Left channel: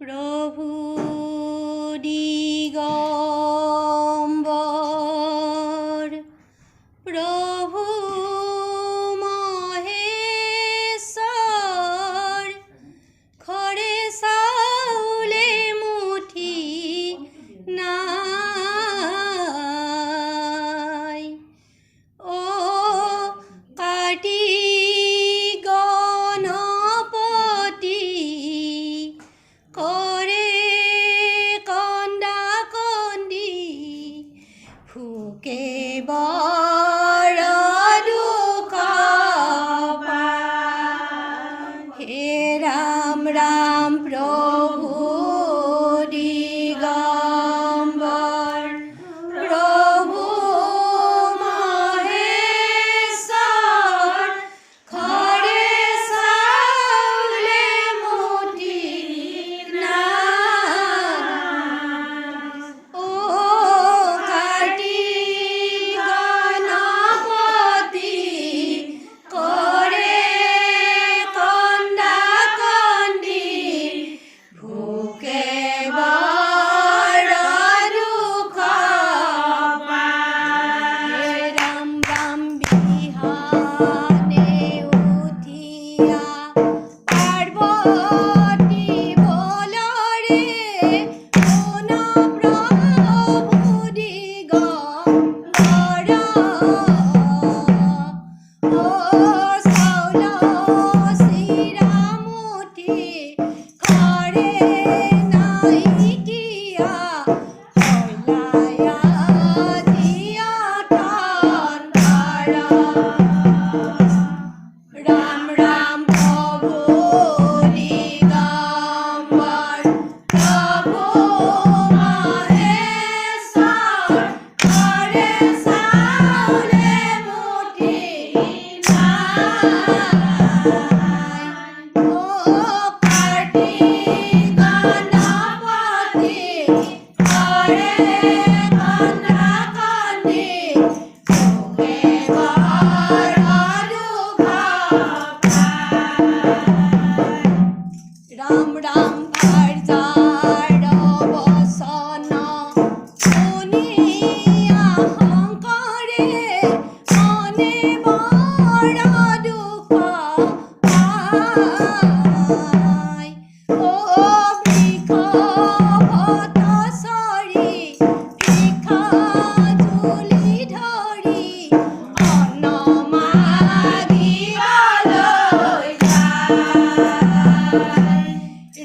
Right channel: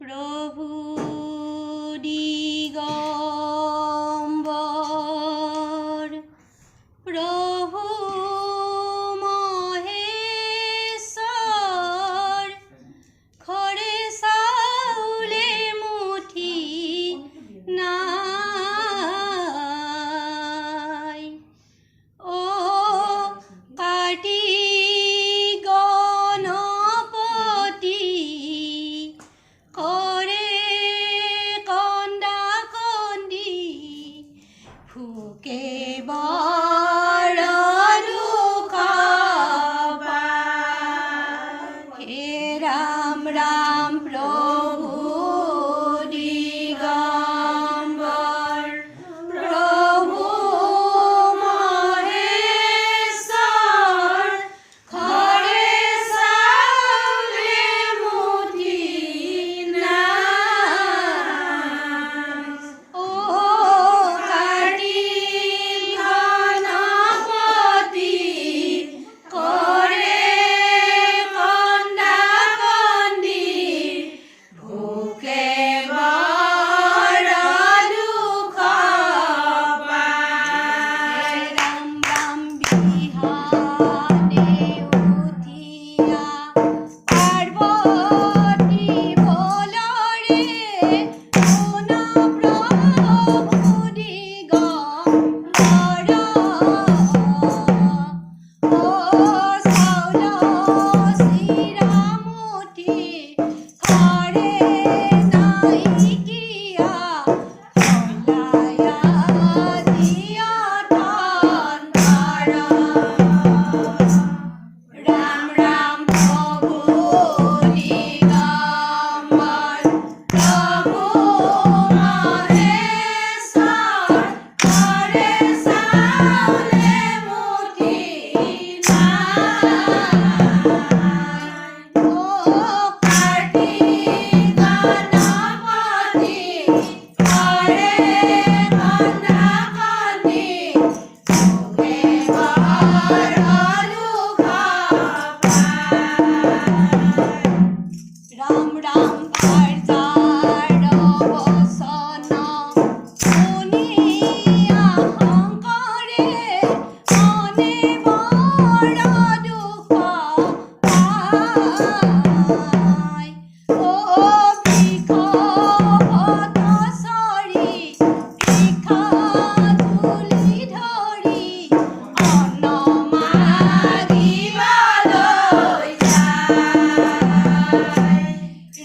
প্রভু দিগম্বর প্রভু মহেশ্বর খড়ে সাউলে মুঠি নাই ও কাটি গণপতি করে কন্দা কন্দি ফুকে বড় দুঃখ পায়। হে রাম রাম প্রভু দিগম্বর প্রভু মহেশ্বর খড়ে সাউলে মুঠি নাই ও কাটি গণপতি করে কন্দা কন্দি ভুকে বড় দুঃখ পায়। রাম রাম বিহানে উঠিয়া পার্বতী বলরে কোন প্রভু দিগম্বর ও সাউল শিরামুঠি খড়ে নাইকিয়া কইলায়া দিয়া টান রাম রাম প্রভু দিগম্বর প্রভু মহেশ্বর খড়ে সাউলে মুঠি নাই ও কাটি গণপতি করে কন্দা কন্দি ভুকে বড় দুঃখ পায়। রাম রাম ভার্যার বসন শুনিয়া শঙ্করে মনে বড় দুঃখ পায়। ও বৃক্ষ ভট্টশরী ভিক্ষা ঝুলি ধরি অন্ন মাগিবলৈ যায়।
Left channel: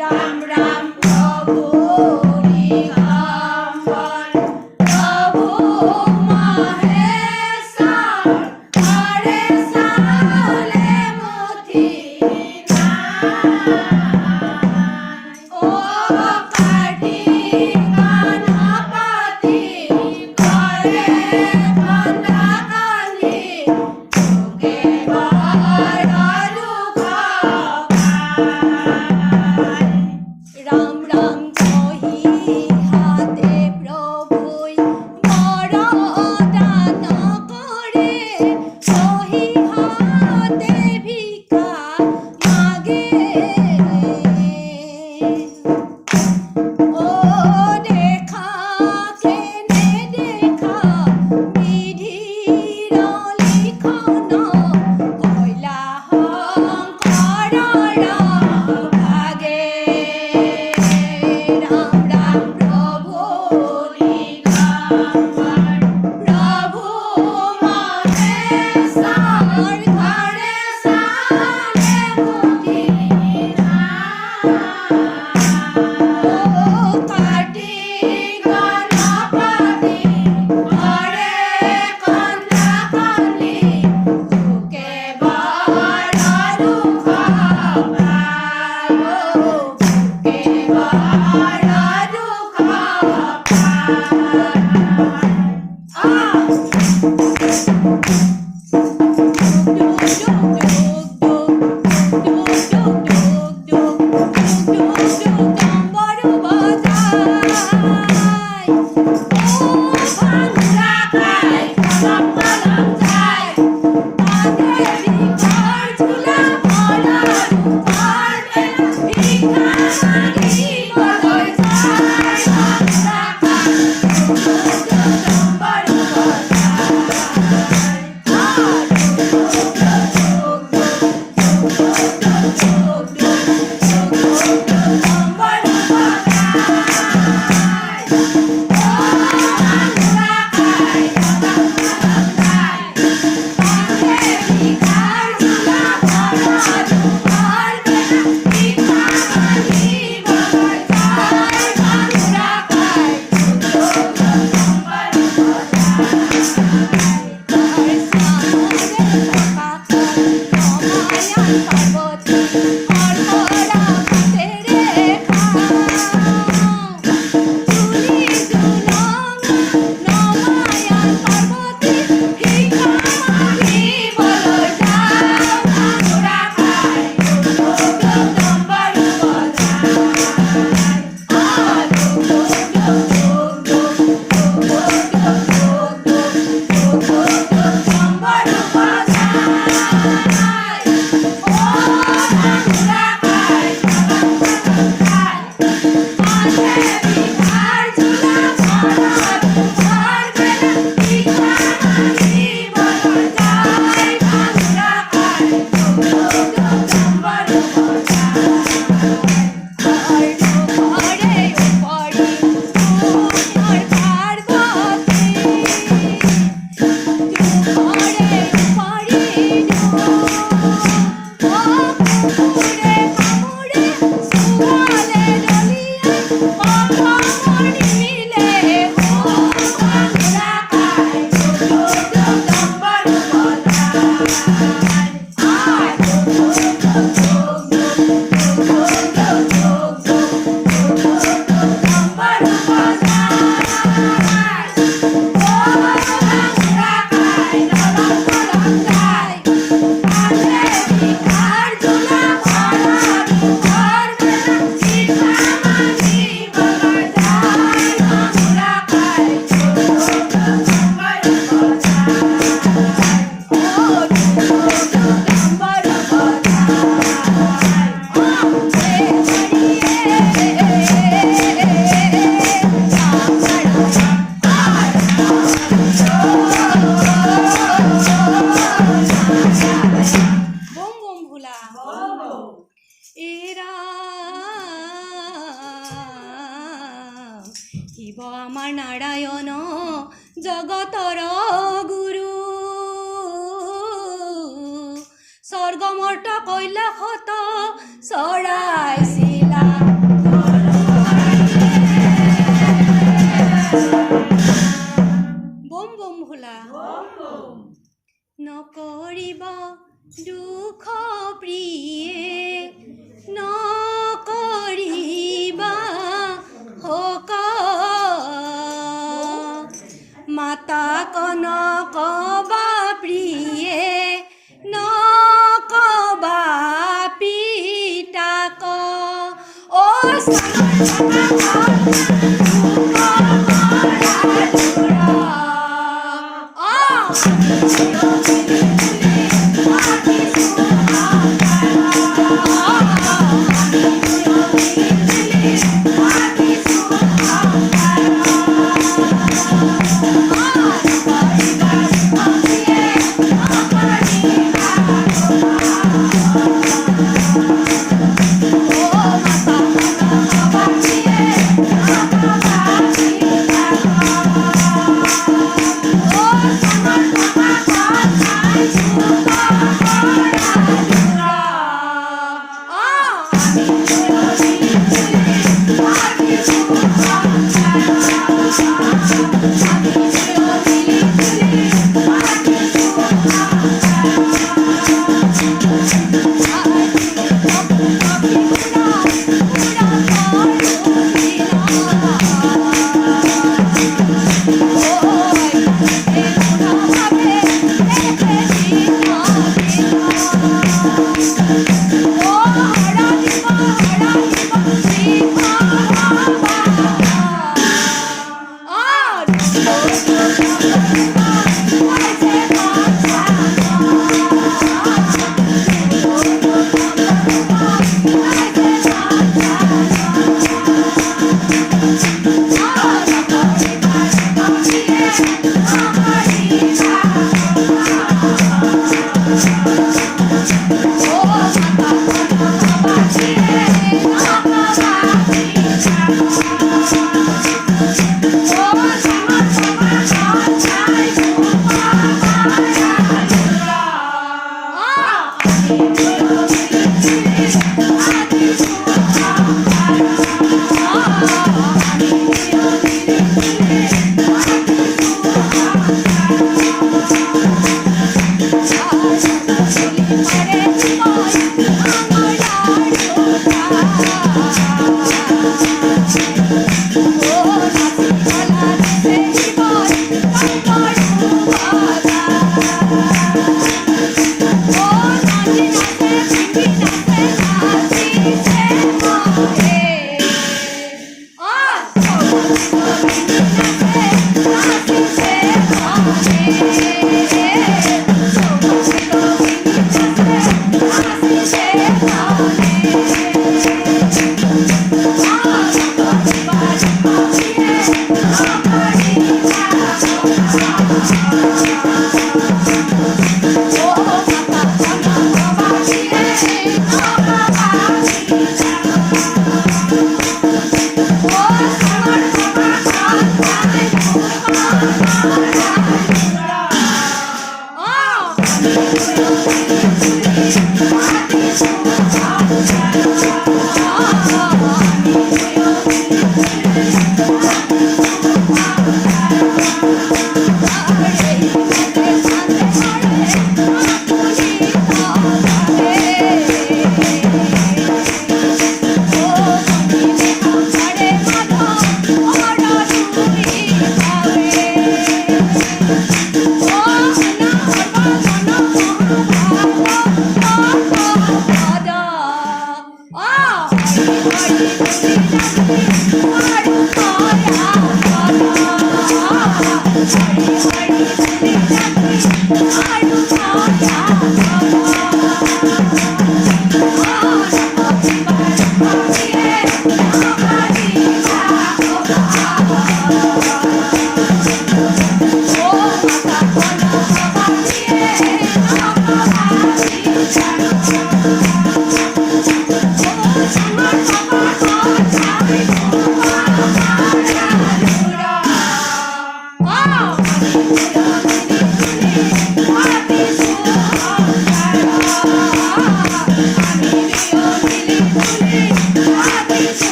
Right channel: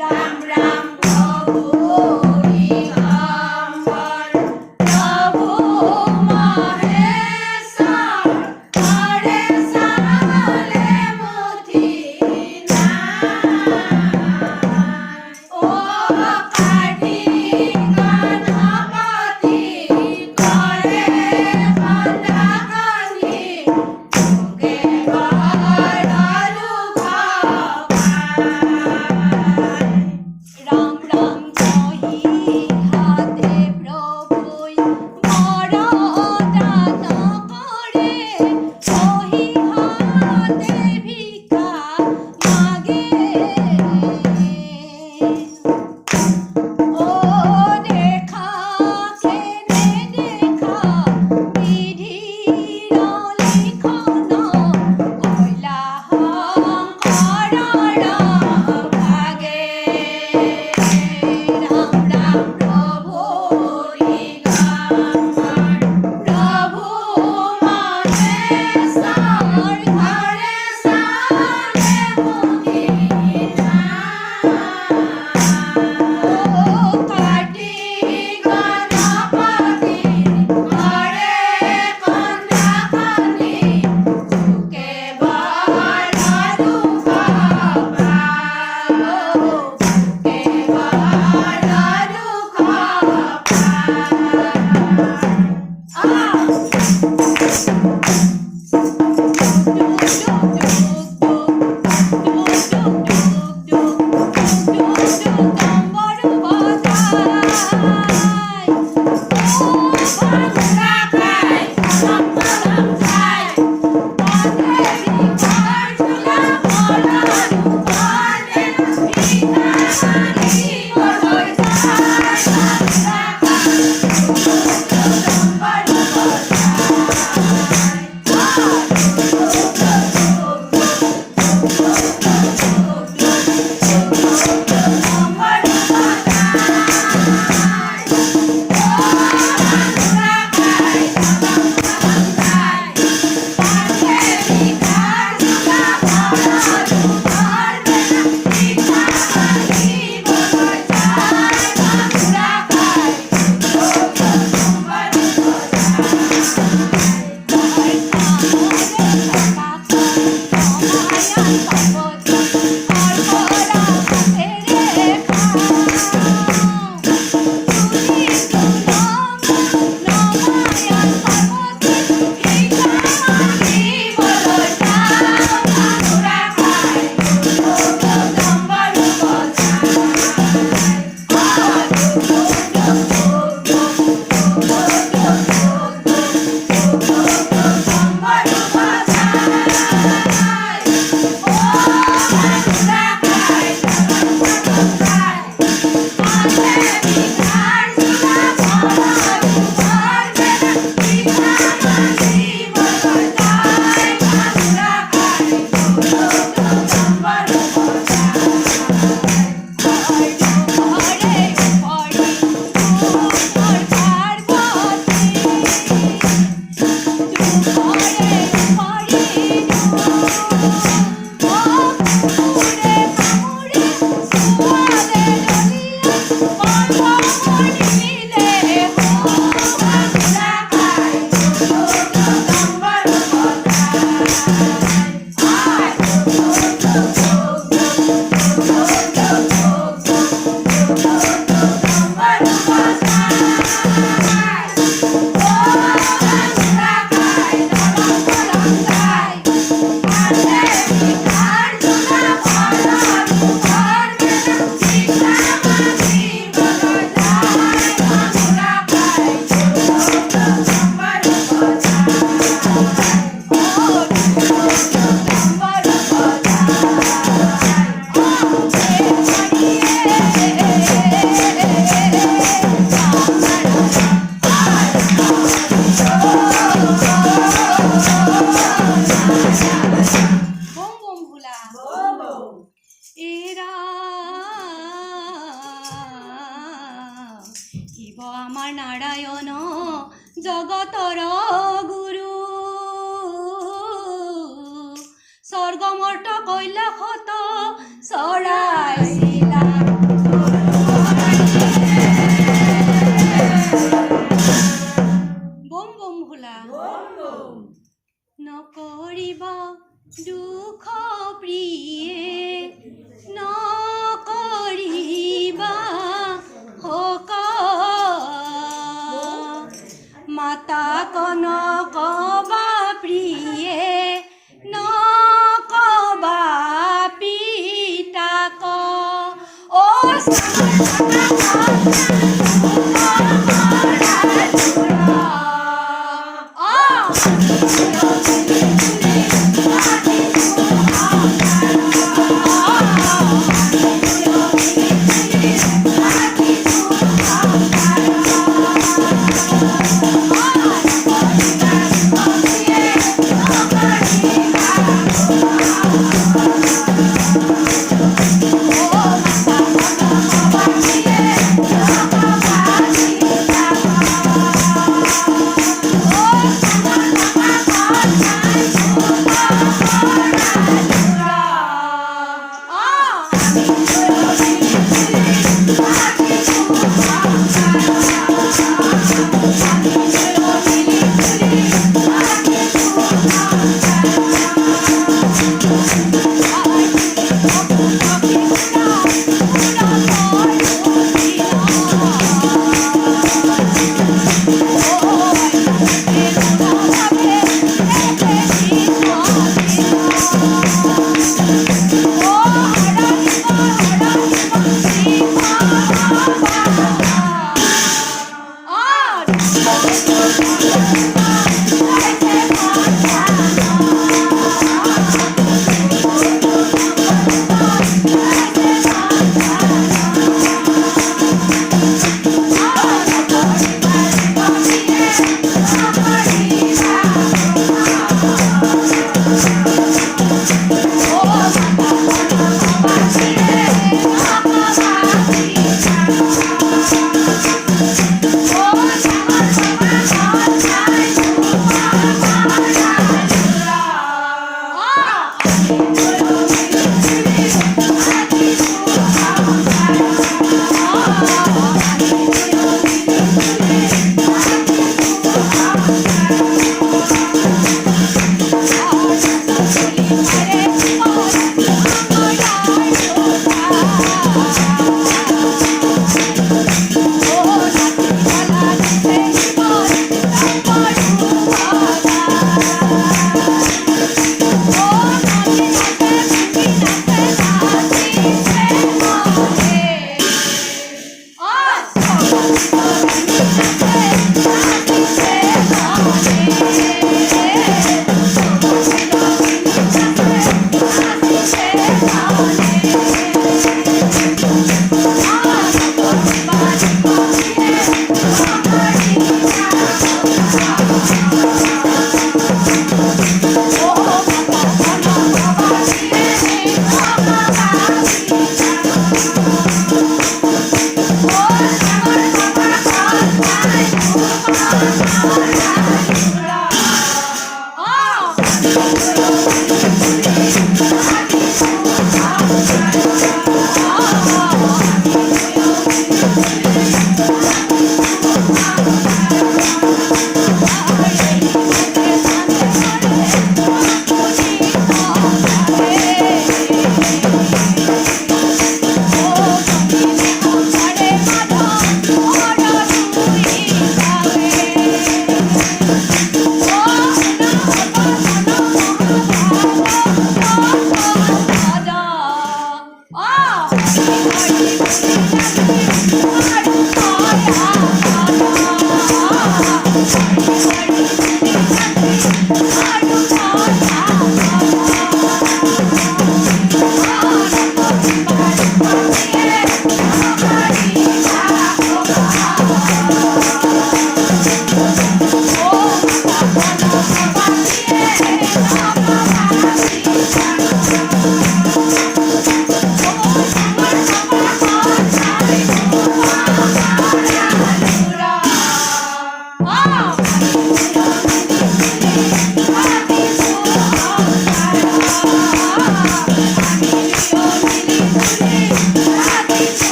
রাম রাম প্রভু দিগম্বর প্রভু মহেশ্বর খড়ে সাউলে মুঠি নাই ও কাটি গণপতি করে কন্দা কন্দি ভুকে বড় দুঃখ পায়। রাম রাম কহি হাতে প্রভুই বড় দান করে কহি হাতে ভিক্ষা মাগে ও দেখা কেনে দেখা বিধির লিখন কইলা হংকরর ভাগে। রাম রাম প্রভু দিগম্বর প্রভু মহেশ্বর খড়ে সাউলে মুঠি নাই ও কাটি গণপতি করে কন্দা কন্দি ভুকে বড় দুঃখ পায়। ভুকে বড় দুঃখ পায়। শিব আমার নারায়ণ জগতর গুরু স্বর্গমঠ কৈলাসত চৰাইছিলা বম বম ভোলা নকৰিব দুখ প্ৰিয়ে নকৰিবা শোক মাতা কনকবা প্ৰিয়ে নকবা পিতাক ও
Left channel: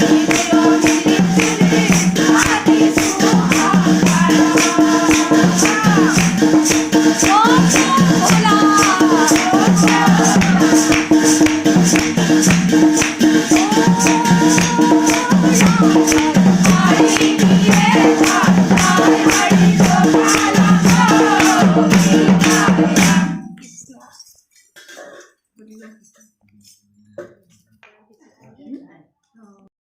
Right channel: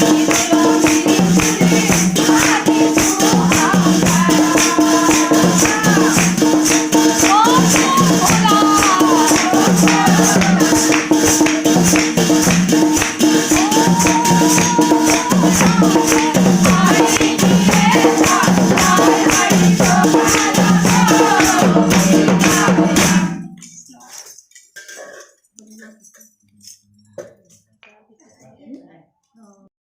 Hare